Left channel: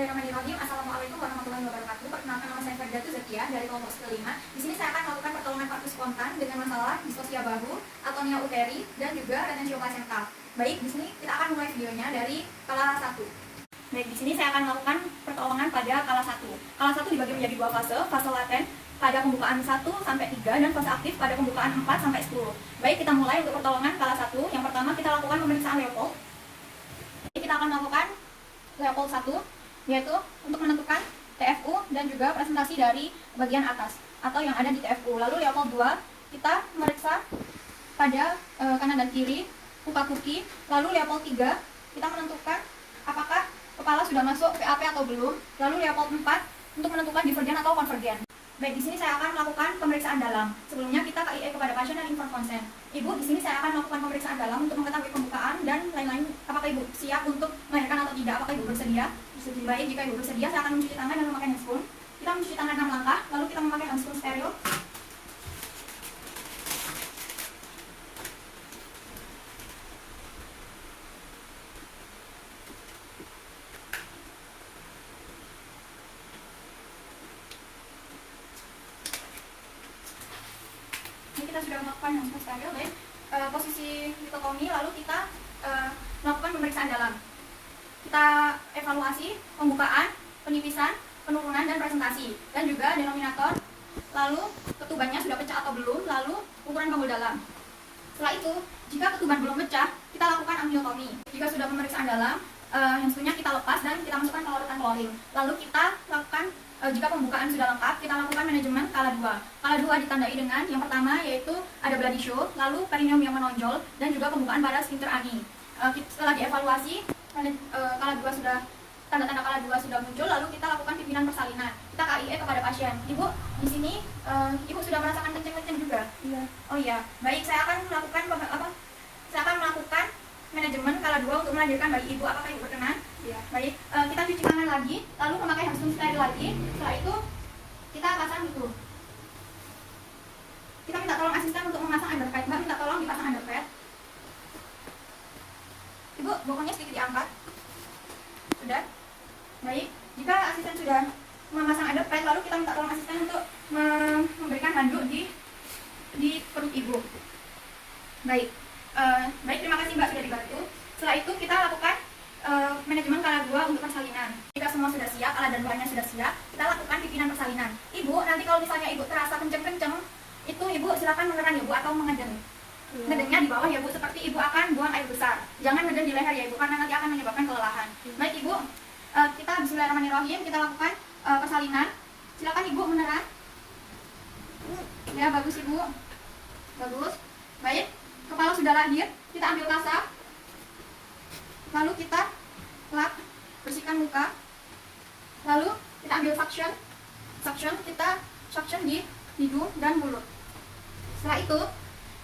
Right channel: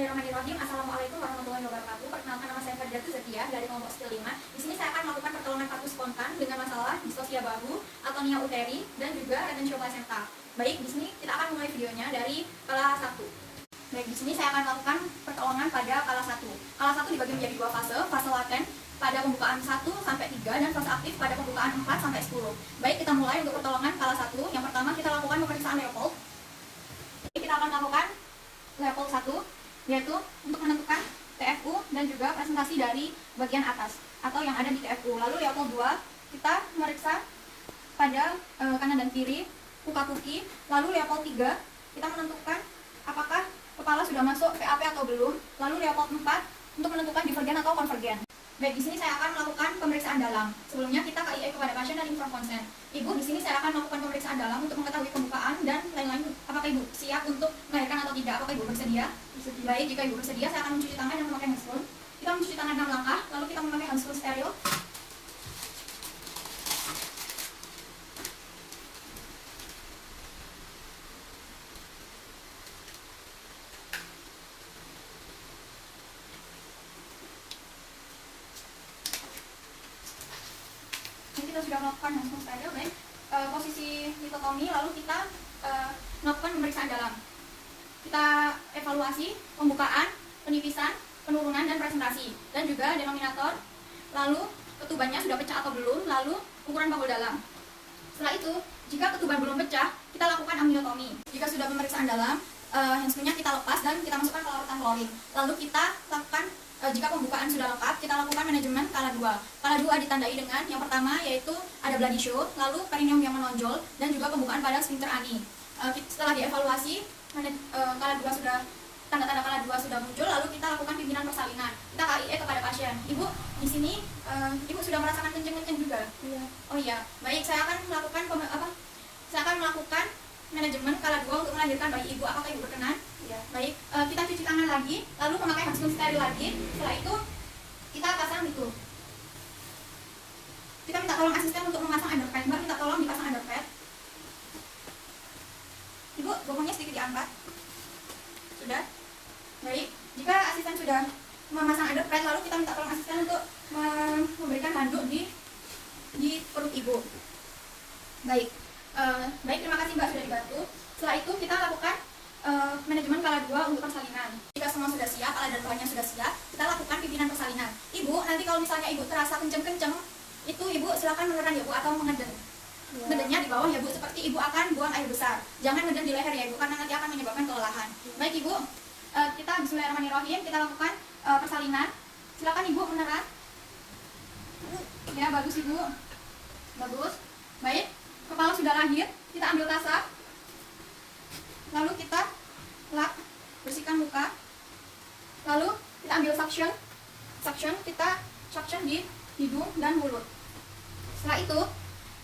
Bismillahirrahmanirrahim. Assalamualaikum warahmatullahi wabarakatuh. Perkenalkan, nama saya Ferdiatu Zakia dari kelompok kelima. Di sini saya akan melakukan pertolongan partus spontan dengan masalah distosia bahu, atonia uteri, dan juga retensio placenta. Baik, di sini kita akan mulai videonya dari kala 1. Baik, di sini saya akan melakukan pertolongan pada kala 1. Kala 1 dibagi menjadi dua fase, fase laten pada pembukaan 1 sampai 3 dan fase aktif pada pembukaan 4 sampai 10. Baik, kita mulai untuk pertolongan kala 1. Yang pertama kita lakukan pemeriksaan Leopold. Kita akan melakukan Leopold 1, yaitu untuk menentukan TFU dan juga presentasi dari bagian atas atau yang ada di TFU. Lalu Leopold 2 kita meriksa pada kanan dan kiri, puka-puki. Lalu Leopold 3 kita menentukan apakah kepala sudah masuk PAP atau belum. Lalu Leopold 4 untuk menentukan divergen atau konvergen. Baik, di sini saya akan melakukan pemeriksaan dalam. Sebelumnya kita KIE kepada pasien dan inform konsen. Ibu, di sini saya akan melakukan pemeriksaan dalam untuk mengetahui pembukaan dan lain-lain. Apakah Ibu siap untuk melahirkan atau tidak? Apakah Ibu bersedia? Baik, jika Ibu bersedia, saya akan mencuci tangan dan memakai handscoon. Kita mencuci tangan 6 langkah, lalu kita memakai handscoon steril. Kita sudah melakukan handscoon steril, baik. Posisi litotomi, lalu kita melakukan pemeriksaan dalam. Kita evaluasi pembukaan, penipisan, penurunan, dan presentasi, dan juga denominator, lalu ketubannya sudah pecah atau belum, lalu ukuran panggul dalam. Setelah itu, jika ketuban belum pecah, kita lakukan amniotomi. Jika sudah pemeriksaan dalam, handscoonnya kita lepas dan kita masukkan ke larutan klorin. Lalu kita lakukan, jika pembukaan sudah lengkap, kita lakukan manajemen kala 2. Kala 2 ditandai dengan yang pertama yaitu ada bloody show, lalu perineum yang menonjol, dan juga pembukaan pada sphincter ani. Setelah dievaluasi, kala 2 sudah, tanda-tanda kala 2 sudah muncul, lalu kita lakukan pimpinan persalinan. Kita KIE kepada pasien. Ibu, di sini Ibu sudah merasakan kenceng-kenceng juga? Iya. Oh iya. Baik, saya akan melakukan manajemen kala 2 untuk melahirkan bayi Ibu. Apakah Ibu berkenan? Iya. Baik, kita cuci tangan lagi, lalu memakai handscoon steril lagi. Setelah itu kita pasang itu. Kita minta tolong asisten untuk memasang underpad. Mbak, minta tolong dipasang underpad. Ibu, bokongnya sedikit diangkat. Sudah? Baik, jika asisten sudah memasang underpad, lalu kita minta tolong asisten untuk memberikan handuk di perut Ibu. Baik, baik, terima kasih Mbak sudah dibantu. Setelah itu kita lakukan manajemen kala 2 untuk persalinan. Jika semua sudah siap, alat dan bahannya sudah siap, kita lakukan pimpinan persalinan. Ibu, nanti kalau misalnya Ibu terasa kenceng-kenceng, itu Ibu silakan mengerang ya Bu, atau mengeden. Ngedennya di bawah ya Bu, seperti Ibu akan buang air besar. Jangan ngeden di leher ya Ibu, karena nanti akan menyebabkan kelelahan. Baik Ibu, kita bismillahirrahmanirrahim, kita lakukan persalinan. Silakan Ibu menerang. Ya, bagus Ibu. Bagus. Baik, kepala sudah lahir, kita ambil kasa. Lalu kita lap, bersihkan muka. Lalu kita ambil suction. Kita suction di hidung dan mulut. Setelah itu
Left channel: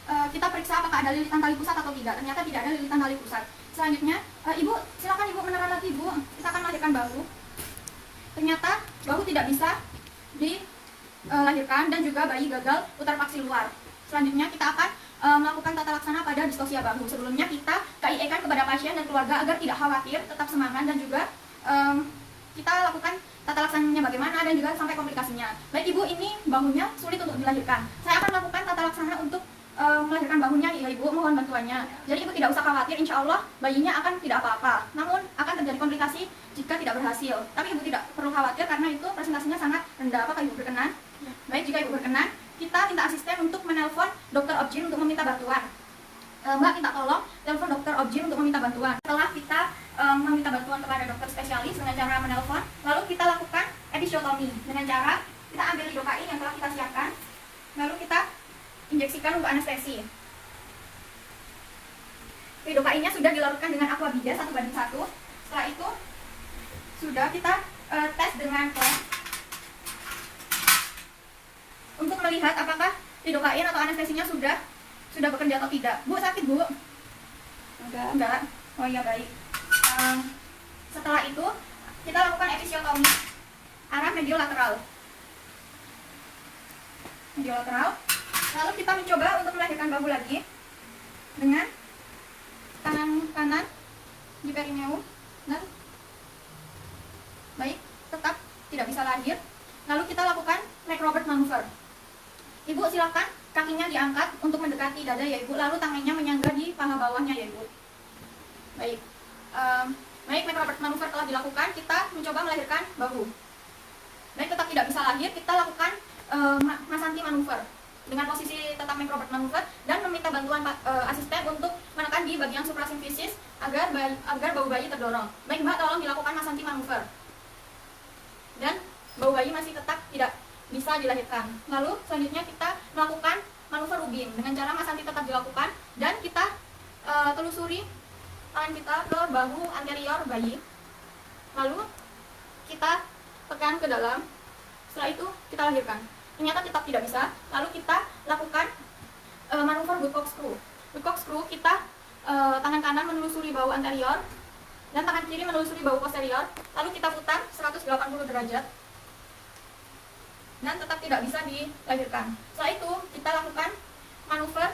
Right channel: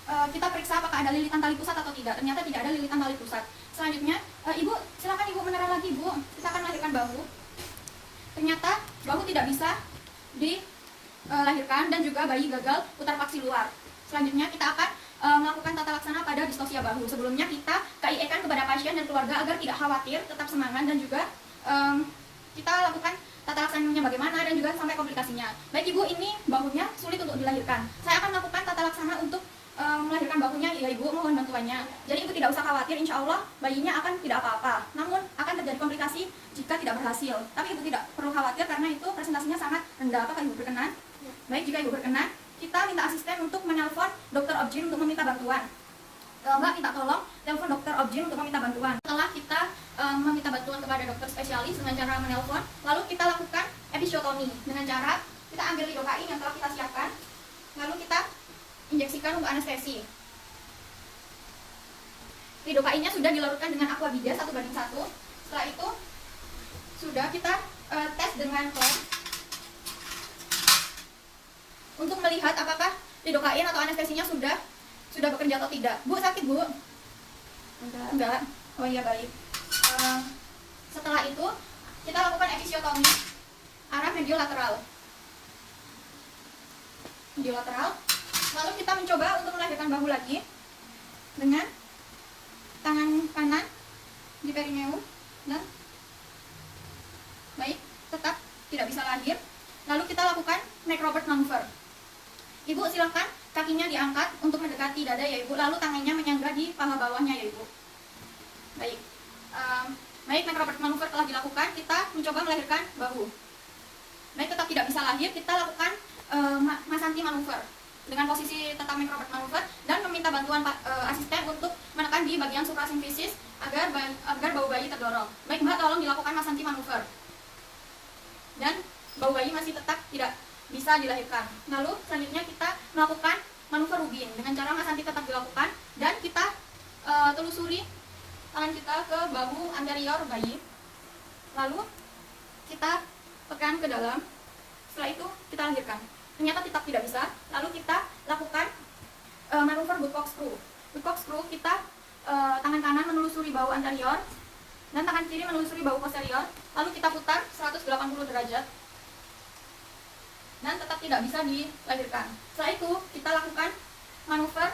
kita periksa apakah ada lilitan tali pusat atau tidak. Ternyata tidak ada lilitan tali pusat. Selanjutnya, Ibu, silakan Ibu menerang lagi Bu. Kita akan melahirkan bahu. Ternyata bahu tidak bisa dilahirkan dan juga bayi gagal putar paksi luar. Selanjutnya kita akan melakukan tata laksana pada distosia bahu. Sebelumnya kita KIE-kan kepada pasien dan keluarga agar tidak khawatir, tetap semangat, dan juga kita lakukan tata laksananya bagaimana dan juga sampai komplikasinya. Baik Ibu, ini bahunya sulit untuk dilahirkan. Saya akan melakukan tata laksana untuk melahirkan bahunya ya Ibu, mohon bantuannya. Jadi Ibu tidak usah khawatir, insya Allah bayinya akan tidak apa-apa. Namun akan terjadi komplikasi jika tidak berhasil. Tapi Ibu tidak perlu khawatir karena itu presentasinya sangat rendah. Apakah Ibu berkenan? Baik, jika Ibu berkenan, kita minta asisten untuk menelpon dokter Objin untuk meminta bantuan. Mbak, minta tolong telepon dokter Objin untuk meminta bantuan. Setelah kita meminta bantuan kepada dokter spesialis dengan cara menelpon, lalu kita lakukan episiotomi dengan cara kita ambil lidocain yang telah kita siapkan, lalu kita injeksikan untuk anestesi. Lidocainnya sudah dilarutkan dengan aquabida 1:1. Setelah itu sudah kita tes dengan clamp untuk melihat apakah lidocain atau anestesinya sudah bekerja atau tidak. Bu, sakit Bu? Enggak. Oh iya, baik. Setelah itu kita lakukan episiotomi arah mediolateral. Lalu kita mencoba untuk melahirkan bahu lagi dengan tangan kanan di perineum dan baik. tidak bisa lahir. Lalu kita lakukan macrobirth maneuver. Ibu silakan kakinya diangkat untuk mendekati dada ya Ibu, lalu tangannya menyangga di paha bawahnya ya Ibu. Baik, baik, macrobirth maneuver telah dilakukan, kita mencoba melahirkan bahu. Baik, tetap tidak bisa lahir, kita lakukan Masanti maneuver dengan posisi tetap macrobirth maneuver dan meminta bantuan asisten untuk menekan di bagian suprasimfisis agar bau bayi terdorong. Baik Mbak, tolong dilakukan Masanti maneuver. Dan bau bayi masih tetap tidak bisa dilahirkan. Lalu selanjutnya kita melakukan manuver Rubin dengan cara Masanti tetap dilakukan dan kita telusuri tangan kita ke bahu anterior bayi. Lalu kita tekan ke dalam. Setelah itu kita lahirkan. Ternyata tetap tidak bisa. Lalu kita lakukan manuver woodcock screw. Woodcock screw kita tangan kanan menelusuri bahu anterior dan tangan kiri menelusuri bahu posterior. Lalu kita putar 180 derajat dan tetap tidak bisa dilahirkan. Setelah itu kita lakukan manuver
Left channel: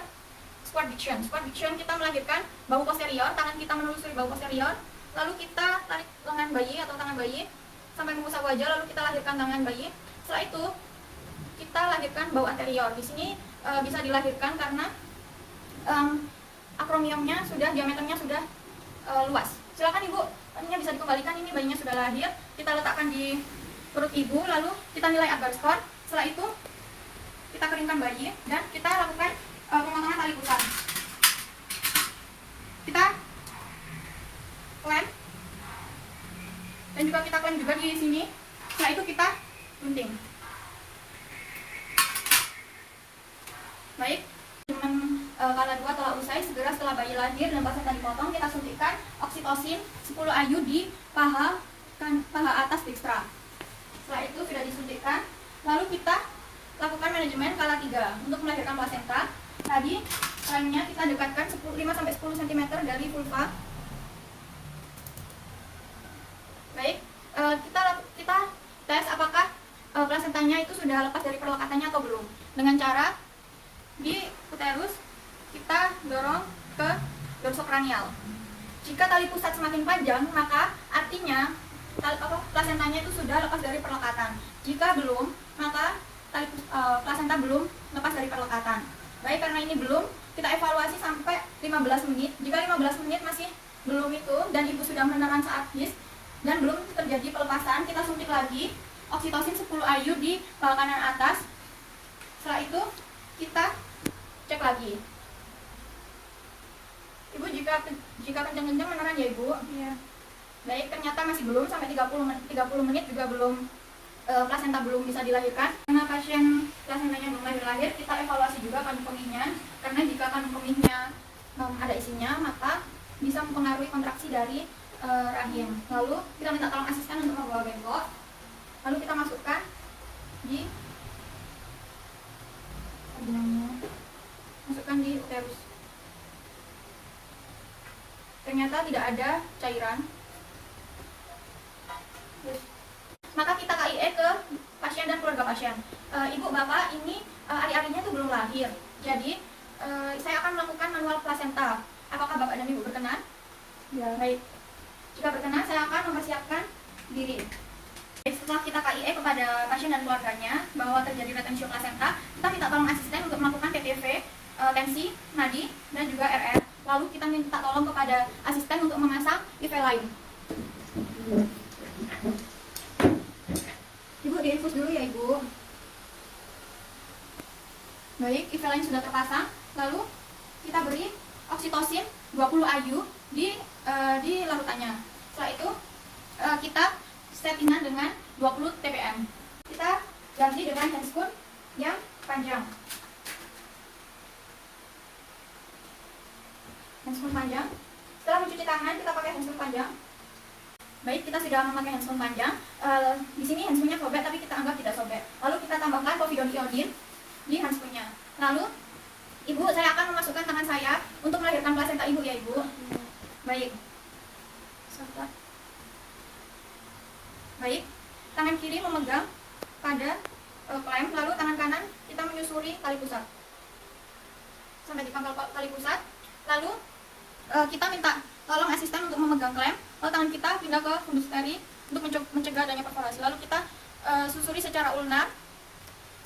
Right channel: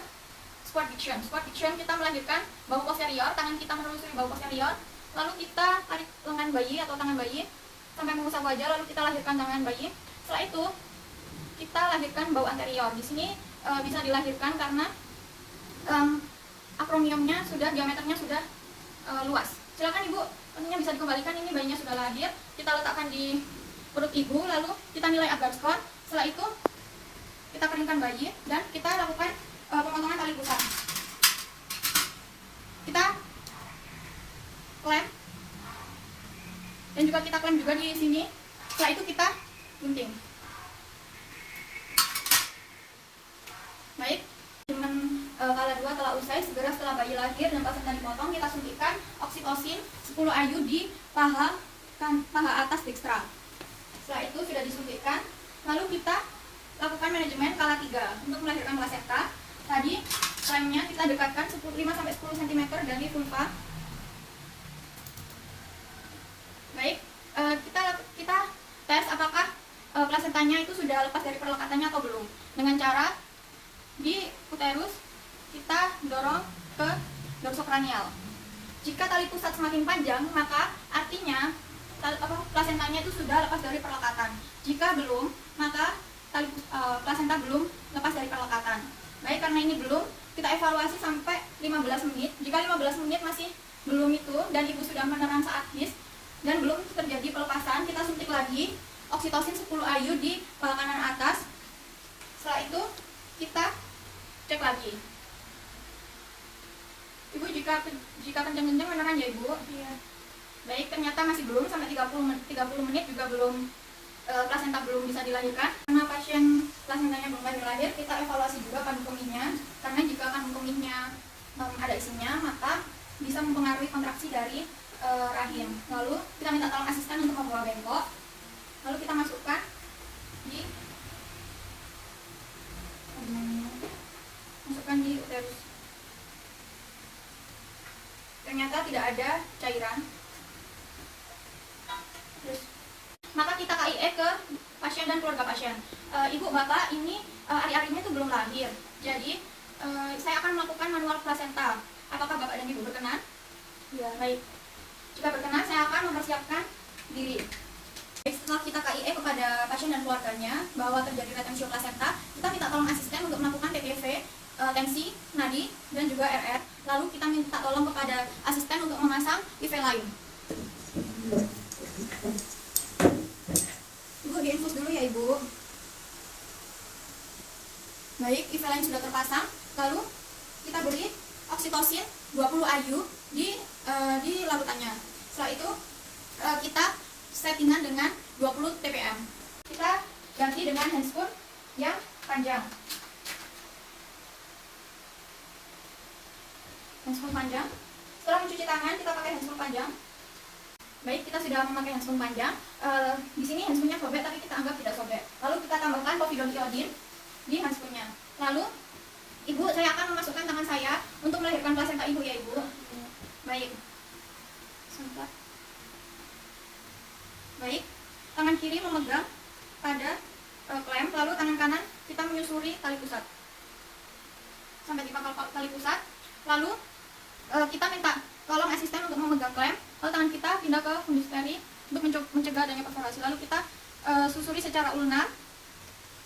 squat diction. Squat diction kita melahirkan bahu posterior, tangan kita menelusuri bahu posterior. Lalu kita tarik lengan bayi atau tangan bayi sampai ke pusat wajah, lalu kita lahirkan tangan bayi. Setelah itu kita lahirkan bahu anterior. Di sini bisa dilahirkan karena acromiumnya sudah, diameternya sudah luas. Silakan Ibu, tentunya bisa dikembalikan, ini bayinya sudah lahir. Kita letakkan di perut ibu, lalu kita nilai agar skor. Setelah itu kita keringkan bayi dan kita lakukan pemotongan tali pusat. Kita klem dan juga kita klem juga di sini. Setelah itu kita gunting. Baik, dengan kala 2 telah usai, segera setelah bayi lahir dan pasien dipotong, kita suntikan oksitosin 10 IU di paha atas dextra. Setelah itu sudah disuntikkan, lalu kita lakukan manajemen kala 3 untuk melahirkan plasenta. Tadi klemnya kita dekatkan 5-10 cm dari vulva. Baik, kita tes apakah plasentanya itu sudah lepas dari perlekatannya atau belum. Dengan cara di uterus kita dorong ke dorsokranial. Jika tali pusat semakin panjang, maka artinya plasentanya itu sudah lepas dari perlekatan. Jika belum, maka plasenta belum lepas dari perlekatan. Baik, karena ini belum, kita evaluasi sampai 15 menit. Jika 15 menit masih belum itu dan ibu sudah menelan saat dan belum terjadi pelepasan, kita suntik lagi oksitosin 10 IU di paha kanan atas. Setelah itu kita cek lagi. Ibu, jika kencang-kencang meneran ya Ibu? Iya. Baik, ternyata masih belum, sampai 30 menit juga belum, plasenta belum bisa dilahirkan. Karena pasien plasentanya belum lahir, kita evaluasi juga kandung kemihnya. Karena jika kandung kemihnya ada isinya, maka bisa mempengaruhi kontraksi dari rahim. Lalu kita minta tolong asisten untuk membawa bengkok. Lalu kita masukkan di uterus. Ternyata tidak ada cairan. Maka kita KIE ke pasien dan keluarga pasien. Ibu, bapak ini ari-arinya itu belum lahir. Jadi saya akan melakukan manual plasenta. Apakah bapak dan ibu berkenan? Ya, baik. Jika berkenan, saya akan mempersiapkan diri. Setelah kita KIE kepada pasien dan keluarganya bahwa terjadi retensio plasenta, kita minta tolong asisten untuk melakukan TTV, tensi, nadi, dan juga RR. Lalu kita minta tolong kepada asisten untuk memasang IV lain. Ibu, diinfus dulu ya Ibu. Baik, IV lain sudah terpasang. Lalu kita beri oksitosin 20 IU di larutannya. Setelah itu kita settingan dengan 20 TPM. Kita ganti dengan handscoon yang panjang. Handscoon panjang. Setelah mencuci tangan, kita pakai handscoon panjang. Baik, kita sudah memakai handscoon panjang. Di sini handscoonnya sobek, tapi kita anggap tidak sobek. Lalu kita tambahkan povidone iodine di handscoonnya. Lalu, Ibu, saya akan memasukkan tangan saya untuk melahirkan plasenta Ibu ya Ibu. Baik. Sebentar. Baik, tangan kiri memegang pada klem, lalu tangan kanan kita menyusuri tali pusat sampai di pangkal tali pusat. Lalu kita minta tolong asisten untuk memegang klem, lalu tangan kita pindah ke fundus tali untuk mencegah adanya perforasi. Lalu kita susuri secara ulnar.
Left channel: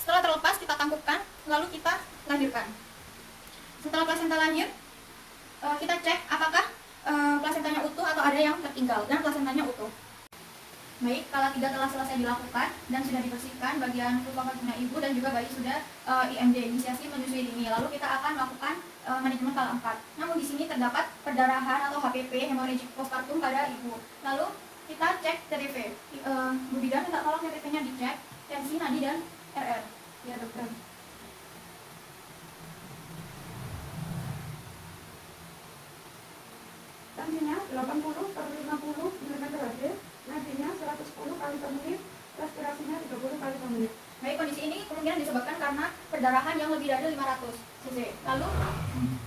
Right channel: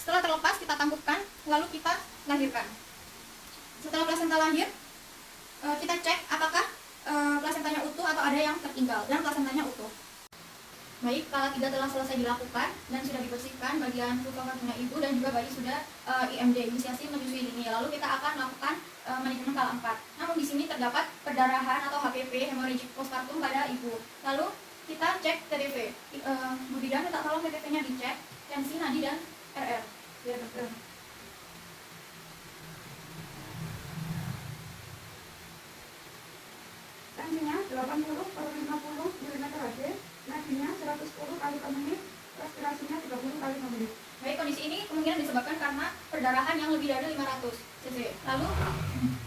Setelah terlepas kita tangkupkan, lalu kita lahirkan. Setelah plasenta lahir, kita cek apakah plasentanya utuh atau ada yang tertinggal, dan plasentanya utuh. Baik, kala 3 telah selesai dilakukan dan sudah dibersihkan bagian lubang vagina ibu dan juga bayi sudah IMD, inisiasi menyusui dini. Lalu kita akan melakukan manajemen kala 4. Namun di sini terdapat perdarahan atau HPP, hemorrhagic postpartum pada ibu. Lalu kita cek TTP. Bu bidan minta tolong TTP-nya dicek, tensi, nadi, dan RR. Biar dokter. Tensinya 80/50 mm/Hg, nadinya 110 kali per menit, respirasinya 30 kali per menit. Baik, kondisi ini kemungkinan disebabkan karena perdarahan yang lebih dari 500 cc. Lalu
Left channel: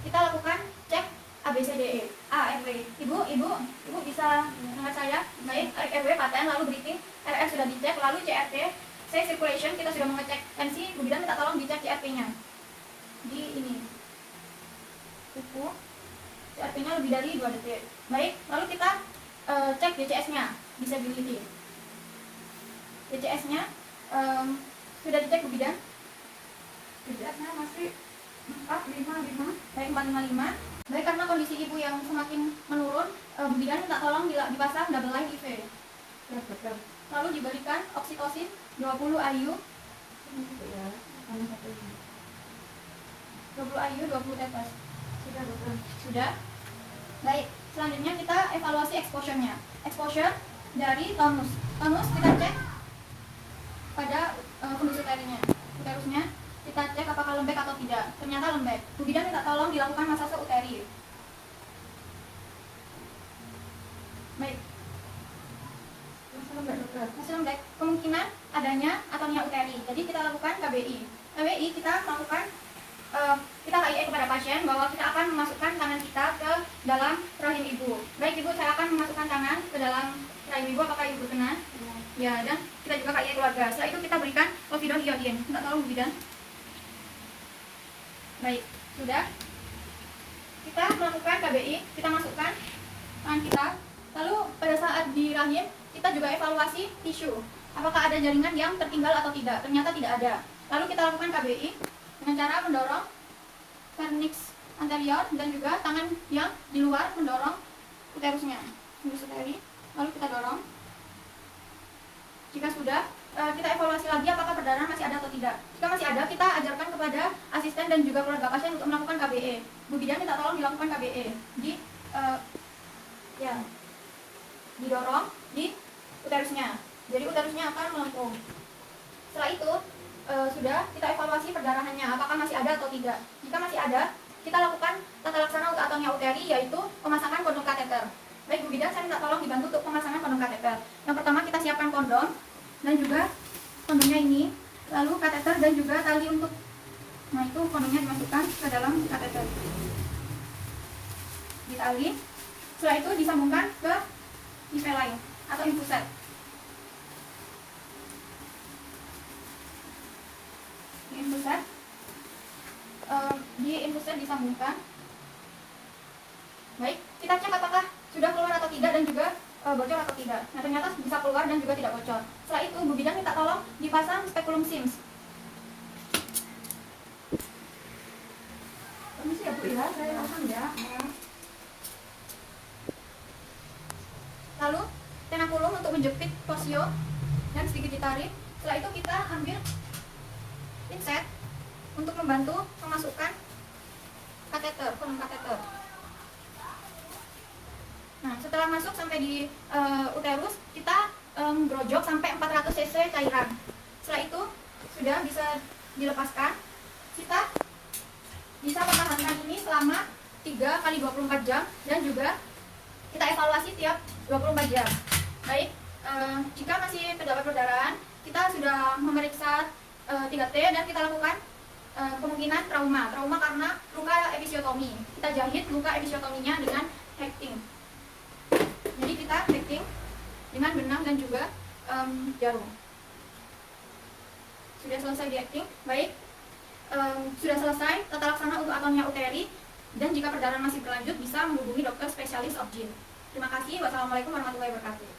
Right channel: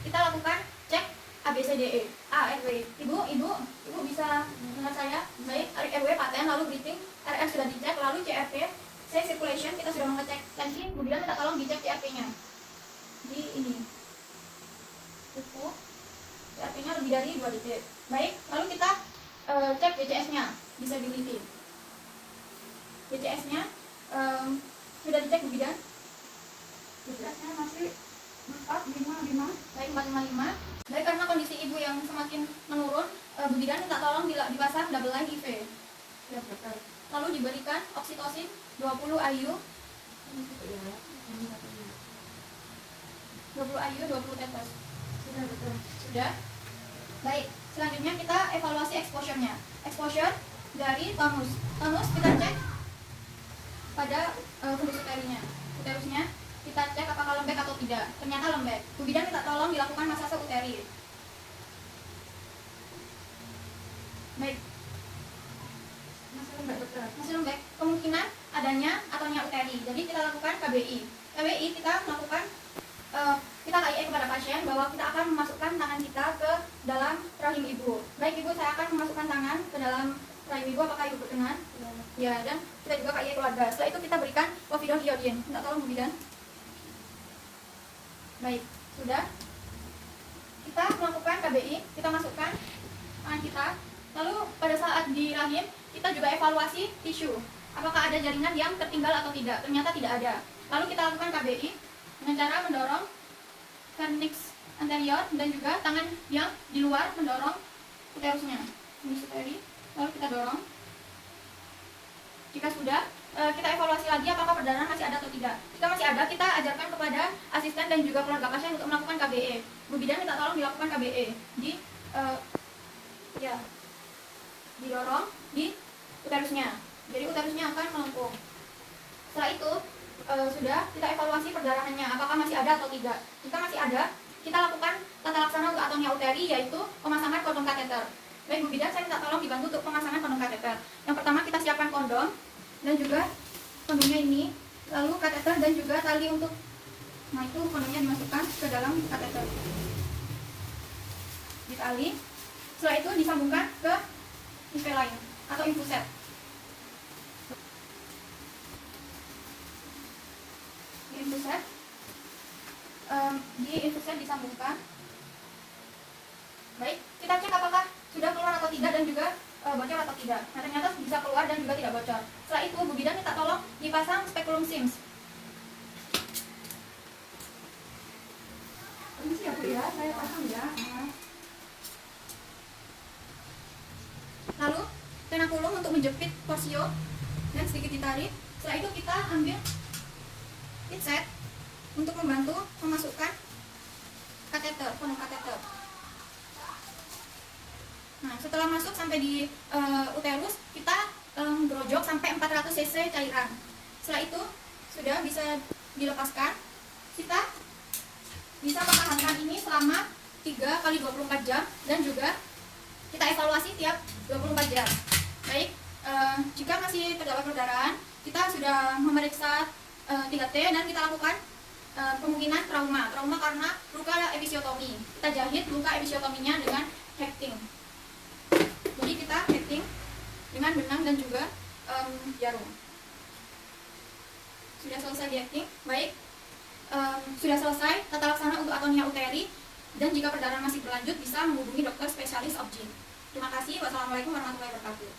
kita lakukan cek ABCDE. A, RW. Ibu bisa dengar saya? Baik, RW paten, lalu breathing, RF sudah dicek, lalu CRP, C circulation, kita sudah mengecek tensi. Bu bidan minta tolong dicek CRP-nya. Di ini. Kuku. CRP-nya lebih dari 2 detik. Baik, lalu kita cek BCS-nya, disability. BCS-nya sudah dicek Bu bidan? BCS-nya masih 455. Baik, 455. Baik, karena kondisi ibu yang semakin menurun, Bu bidan minta tolong dipasang double line IV. Ya, betul. Lalu diberikan oksitosin 20 IU. 20 IU, 20 tetes. Sudah, betul. Sudah. Baik, selanjutnya kita evaluasi exposure-nya. Exposure dari tonus. Tonus kita cek pada fundus uterinya. Uterusnya kita cek apakah lembek atau tidak. Ternyata lembek. Bu bidan minta tolong dilakukan masase uteri. Baik. Masih lembek, dokter. Masih lembek. Kemungkinan adanya ataunya uteri. Jadi kita lakukan KBI. KBI kita lakukan kita KIE kepada pasien bahwa kita akan memasukkan tangan kita ke dalam rahim ibu. Baik ibu, saya akan memasukkan tangan ke dalam rahim ibu. Apakah ibu berkenan? Ya, dan kita juga KIE keluarga. Setelah itu kita berikan povidone iodine. Minta tolong Bu bidan. Baik, sudah. Kita melakukan KBI, kita masukkan tangan kita. Lalu pada saat di rahim, kita juga evaluasi tisu. Apakah ada jaringan yang tertinggal atau tidak? Ternyata tidak ada. Lalu kita lakukan KBI dengan cara mendorong vernix anterior dan juga tangan yang di luar mendorong uterusnya. Lalu kita dorong. Jika sudah, kita evaluasi lagi apakah perdarahan masih ada atau tidak. Jika masih ada, kita ajarkan kepada asisten dan juga keluarga pasien untuk melakukan KBE. Bu bidan minta tolong dilakukan KBE didorong di uterusnya. Jadi uterusnya akan melengkung. Setelah itu sudah kita evaluasi perdarahannya apakah masih ada atau tidak. Jika masih ada, kita lakukan tata laksana untuk atonia uteri, yaitu pemasangan kondom kateter. Baik Bu bidan, saya minta tolong dibantu untuk pemasangan kondom kateter. Yang pertama kita siapkan kondom dan juga kondomnya ini, lalu kateter dan juga tali untuk, nah itu kondomnya dimasukkan ke dalam kateter, ditali. Setelah itu disambungkan ke IV lain atau infuset. Di infuset disambungkan. Baik, kita cek apakah sudah keluar atau tidak dan juga bocor atau tidak. Nah, ternyata bisa keluar dan juga tidak bocor. Setelah itu Bu bidan minta tolong dipasang speculum Sims. Permisi ya Bu ya, saya pasang ya. Lalu penakulum untuk menjepit posio dan sedikit ditarik. Setelah itu kita ambil pinset untuk membantu memasukkan kateter, kondom kateter. Nah, setelah masuk sampai di uterus, kita grojok sampai 400 cc cairan. Setelah itu sudah bisa dilepaskan. Kita bisa mempertahankan ini selama 3 kali 24 jam dan juga kita evaluasi tiap 24 jam. Baik, jika masih terdapat perdarahan, kita sudah memeriksa 3T dan kita lakukan kemungkinan trauma karena luka episiotomi. Kita jahit luka episiotominya dengan hecting. Jadi kita hecting dengan benang dan juga jarum. Sudah selesai di hecting. Baik, sudah selesai tata laksana untuk atonia uteri, dan jika perdarahan masih berlanjut bisa menghubungi dokter spesialis obgyn. Terima kasih. Wassalamualaikum warahmatullahi wabarakatuh.